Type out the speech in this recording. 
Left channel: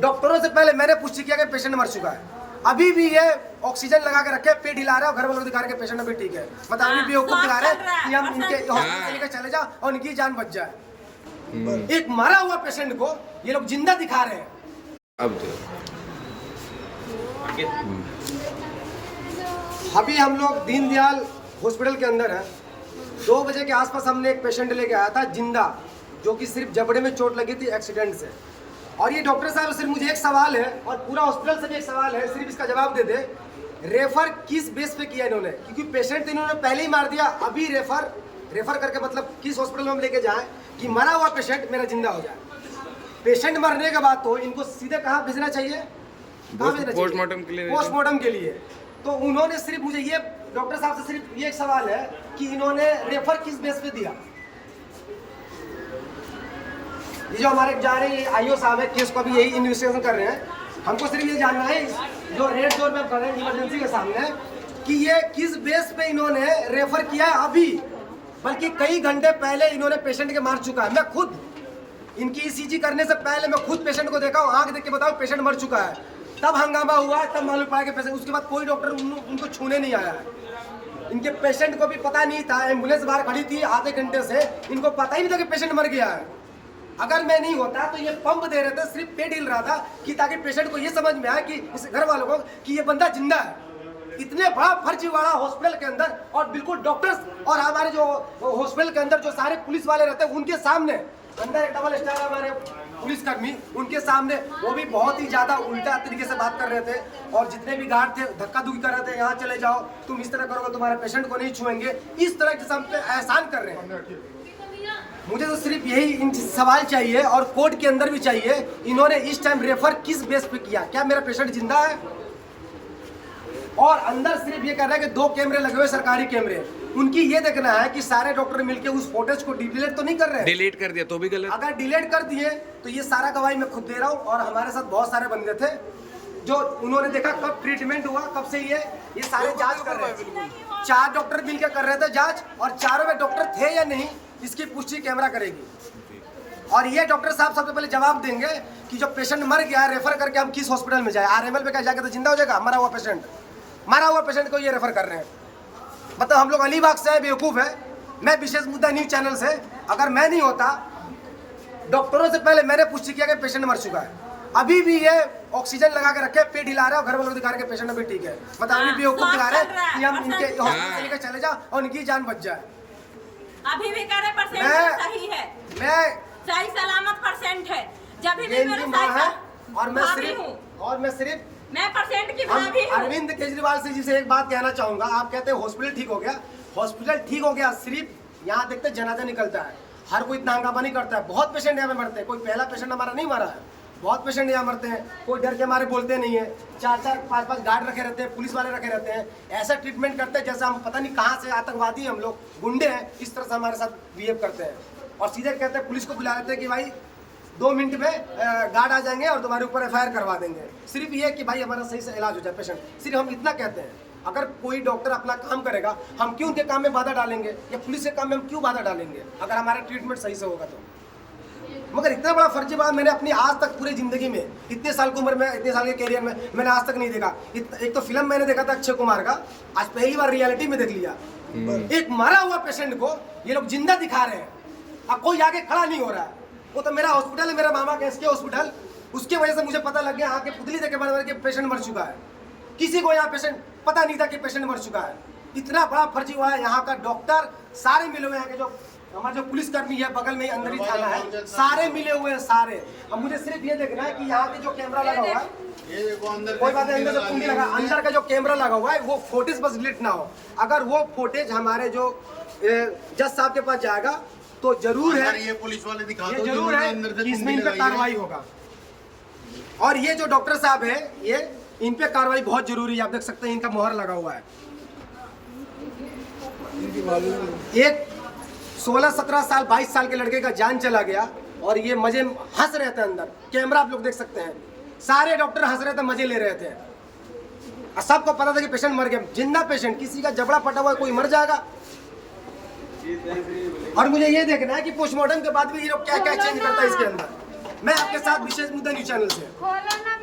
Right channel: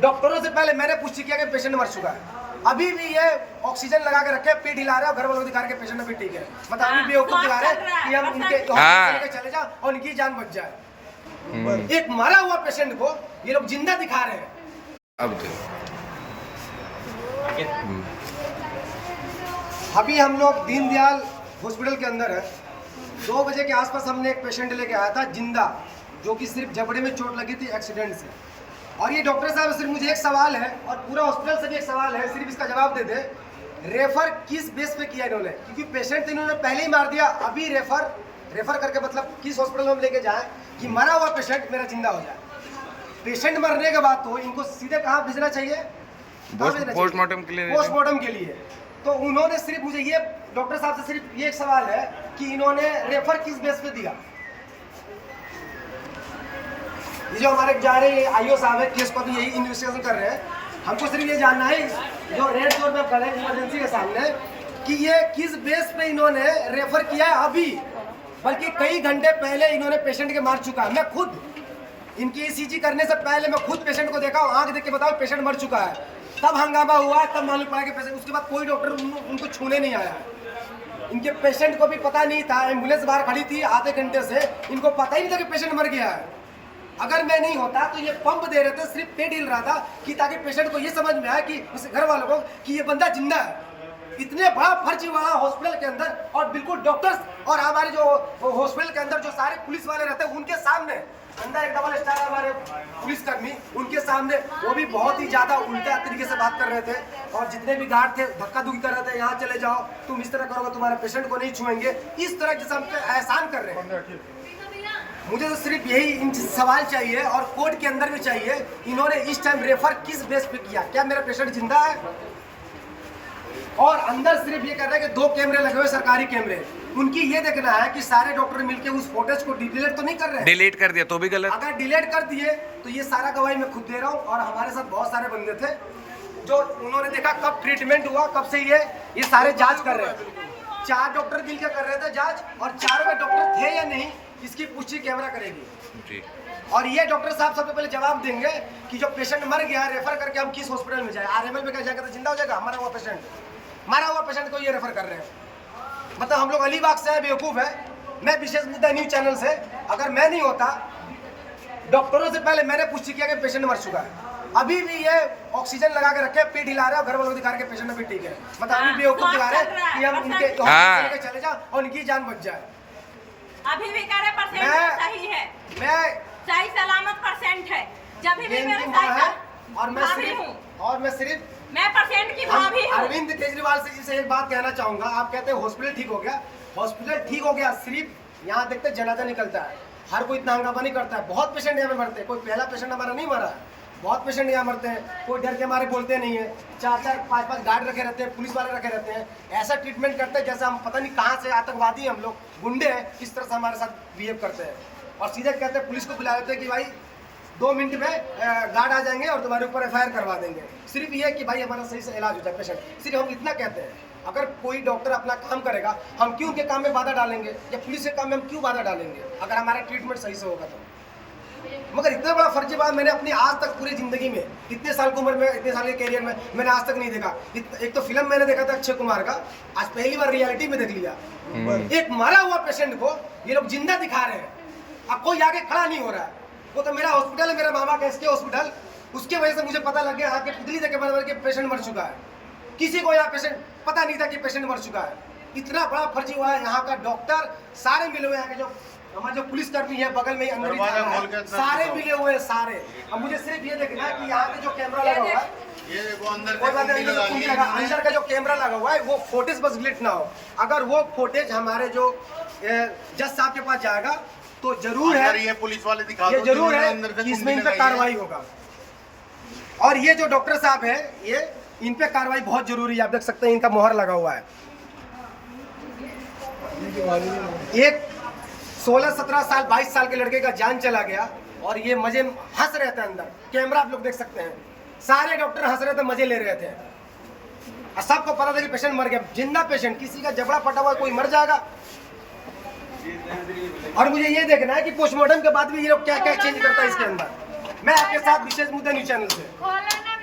डॉक्टरों से पहले मैंने पुष्टि किया कि पेशेंट मर चुका है। अभी भी ये ऑक्सीजन लगा के रखे, पेट हिला रहा है और घर वालों को दिखा रहे पेशेंट भी ठीक है। मतलब अभी भी दिखा रहा है कि हम उनके चले जाओ और उनकी जान बच जाए। एक मरा हुआ पेशेंट को ये लोग जिंदा दिखा रहे हैं। अब अभी हम लोग दीनदयाल हॉस्पिटल के अंदर है। 2 बजे के आसपास हमने एक पेशेंट लेके आया था जिंदा, जो कि सिर्फ जबड़े में चोट लगी थी एक्सीडेंट से। और ये डॉक्टर साहब सिर्फ मुझे एक सवाल है और पूरा हॉस्पिटल से भी एक सवाल है, सिर्फ इसका जवाब दे दे, रेफर किस बेस पे किया इन्होंने? क्योंकि पेशेंट तो इन्होंने पहले ही मार दिया, अभी रेफर करके मतलब किस हॉस्पिटल में हम लेके जाएं कि मरा हुआ पेशेंट मेरा जिंदा हो जाए। पेशेंट मरने के बाद तो इनको सीधे कहाँ भेजना चाहिए? पोस्टमार्टम के लिए। पोस्टमार्टम के लिए। तो उन्होंने सिर्फ मुझे ये डॉक्टर साहब से सिर्फ ये एक सवाल है कि इन्होंने रेफर किस बेस पे दिया? ये जो हमारे जा रहे आईओ साहब है, केस को भी यही इन्वेस्टिगेशन कर रहे हैं। हमको सिर्फ ये जानना है जो रेड जोन में कर रहे हैं इमरजेंसी के सामने कि ये किस बेस पे इन्होंने रेफर किया है अभी, बल्कि कई घंटे पहले इन्होंने पेशेंट के मार चुका है। मैं खुद इनकी ईसीजी करने से पहले मैं खुद पेशेंट को देखा, आंख देख के बताओ पेशेंट मर चुका है। तब हंगामा हुआ, तब मालूम पड़ा कि पेशेंट, उसके बाद कोई डॉक्टर उनको छूने नहीं आया है। इनके पेशेंट को भी पता नहीं था, एम्बुलेंस बाहर खड़ी थी आधे घंटे से, इनको पता ही नहीं था कि पेशेंट मर गया है। अगर मैं नहीं होता तो ये पंप दे रहे थे, सिर्फ पेट हिल रहा था कि ताकि पेशेंट को ये समझ में आए कि इस घर वालों को कि ये बंदा जिंदा है। इतने बड़ा फर्जी वाला हॉस्पिटल के अंदर और बिल्कुल डॉक्टर्स और हमारे जो हॉस्पिटल के अंदर जो सारे पुलिस वाले रहते हैं उनके सामने, अंदर एक डबल स्टार हमारे पुलिसकर्मी, उनके सामने वो भी बहुत ही ज्यादा उल्टा तरीके से बात कर रहे थे। और जितने भी गार्ड थे धक्का धुक्की कर रहे थे, यहाँ चले जाओ, तुम इस तरह करोगे तुम्हारे पेशेंट को नहीं छुएंगे, इस तरह के हम पे एहसान कर रहे हैं। मुझे तो सिर्फ यही सवाल चाहिए और कोर्ट के अंदर भी चाहिए, इन्होंने इस टाइम रेफर किस बेस पे किया? क्या मेरा पेशेंट जिंदा है? और अंदर सिर्फ ये कर रहा है कि 2 कैमरे लगे हुए सरकारी कैमरे, उनकी ये देखना है कि सारे डॉक्टर मिलके उस फुटेज को डिलीट तो नहीं कर रहे हैं। डिलीट कर दिया तो भी गलत। अगर डिलीट कर दिए तो ये सारा गवाही मैं खुद दे रहा हूँ। और हमारे साथ बहुत सारे बंदे थे जो उन्होंने देखा कब ट्रीटमेंट हुआ, कब से ये सारे जांच कर रहे थे। 4 डॉक्टर मिलकर कर रहे थे जांच, और चारों में डॉक्टर थे या नहीं इसकी पुष्टि कैमरा करेगी। और ये डॉक्टर साहब सबसे पहले जवाब देंगे कि जो पेशेंट मर गया रेफर करके हम किस हॉस्पिटल में जाए। आरएमएल पे क्या जाके तो जिंदा हो जाएगा? मरा हुआ पेशेंट को ये रेफर कर रहे हैं। मतलब हम लोग अलीबाग से है, बेवकूफ है। मैं विशेष मुद्दा न्यूज चैनल से, अगर मैं नहीं होता, डॉक्टरों से पहले मैंने पुष्टि किया कि पेशेंट मर चुका है। अभी भी ये ऑक्सीजन लगा के रखे, पेट हिला रहा है और घर वालों को दिखा रहे पेशेंट भी ठीक है। मतलब अभी भी दिखा रहा है कि हम उनके चले जाओ और उनकी जान बच जाए। अभी भी कह रहे परसेंट सही है, मैं सही सलामत परसेंट है। जब भी मेरा और मैं सिर्फ मैं परसेंट की भाभी हूं। अरविंद केजरीवाल से जिसे एक बात कहना चाहूंगा, आप कहते हैं हॉस्पिटल ठीक हो गया, हॉस्पिटल ठीक हो गया, सिर्फ यहाँ देखते जनाजा निकलता है, हर कोई इतना हंगामा नहीं करता है। बहुत पेशेंट यहाँ पे मरते हैं, कोई पहला पेशेंट हमारा नहीं मरा है, बहुत पेशेंट यहाँ मरते हैं, कोई डर के मारे बोलते नहीं है। 4-4, 5-5 गार्ड रखे रहते हैं, पुलिस वाले रखे रहते हैं, ऐसा ट्रीटमेंट करते हैं जैसे हम पता नहीं कहाँ से आतंकवादी हम लोग, गुंडे हैं, इस तरह से हमारे साथ बिहेव करते हैं। और सीधे कहते हैं, पुलिस को बुला देते हैं कि भाई 2 मिनट में गार्ड आ जाएंगे और तुम्हारे ऊपर FIR करवा देंगे। सिर्फ ये कि भाई हमारा सही से इलाज हो जाए पेशेंट, सिर्फ हम इतना कहते हैं। अगर कोई डॉक्टर अपना काम करेगा, हम क्यों उनके काम में बाधा डालेंगे, या पुलिस के काम में हम क्यों बाधा डालेंगे अगर हमारा ट्रीटमेंट सही से होगा तो। मगर इतना बड़ा फर्जी बात मैंने अपनी आज तक पूरी जिंदगी में, इतने साल की उम्र में, इतने साल के कैरियर में मैंने आज तक नहीं देखा। एक तो फिल्म मैंने देखा था अक्षय कुमार का, आज पहली बार रियलिटी में देख लिया। एक मरा हुआ पेशेंट को ये लोग जिंदा दिखा रहे हैं, अब कोई आगे खड़ा नहीं हो रहा है। वो तो मेरा हॉस्पिटल है, मेरा मामा का SK हॉस्पिटल, उसके वजह से मुझे पता लग गया आके पुतली देके बदल के पेशेंट मर चुका है। किसी को यहाँ पेशेंट पता नहीं था कि पेशेंट मर चुका है। इतना बड़ा फर्जी हुआ है। यहाँ का डॉक्टर सारे मिले हुए हैं, जो हमारे जो पुलिसकर्मी है बगल में अंदर ही थाना है, सारे मिले हुए हैं सारे। अब मुझे सिर्फ ये देखना है कि यहाँ पे जो कैमरा लगा हुआ है, कोई बात नहीं, अंदर का जो कैमरा लगा हुआ है वो फुटेज बस डिलीट ना हो। अगर वो फुटेज हमारे जो जज साहब के पास जाएगा तो जरूर है, ये पुलिस वाले दिखा ये जरूर है कि इसमें इन पे कार्रवाई होगा। और ये जो डॉक्टर साहब है, ये इन पे कार्रवाई बहुत जरूरी है। आप देख सकते हैं इनका मोहर लगा हुआ है। एक 16-17 साल 22 साल के लड़के का जान चला गया और ये मजे हंस रहे थे अंदर। कैमरा आप लोग देख सकते हैं, सारे डॉक्टर हंस रहे थे, मजे ले रहे थे। सबको पता था कि पेशेंट मर गया, जिंदा पेशेंट, किसी का जबड़ा फटा हुआ कोई मर जाएगा। और मुझे ये देखना है कि पोस्टमार्टम के बाद भी ये लोग क्या क्या चेंज करता है इसके अंदर। मैं आपके साथ विशेष मुद्दा न्यूज चैनल से।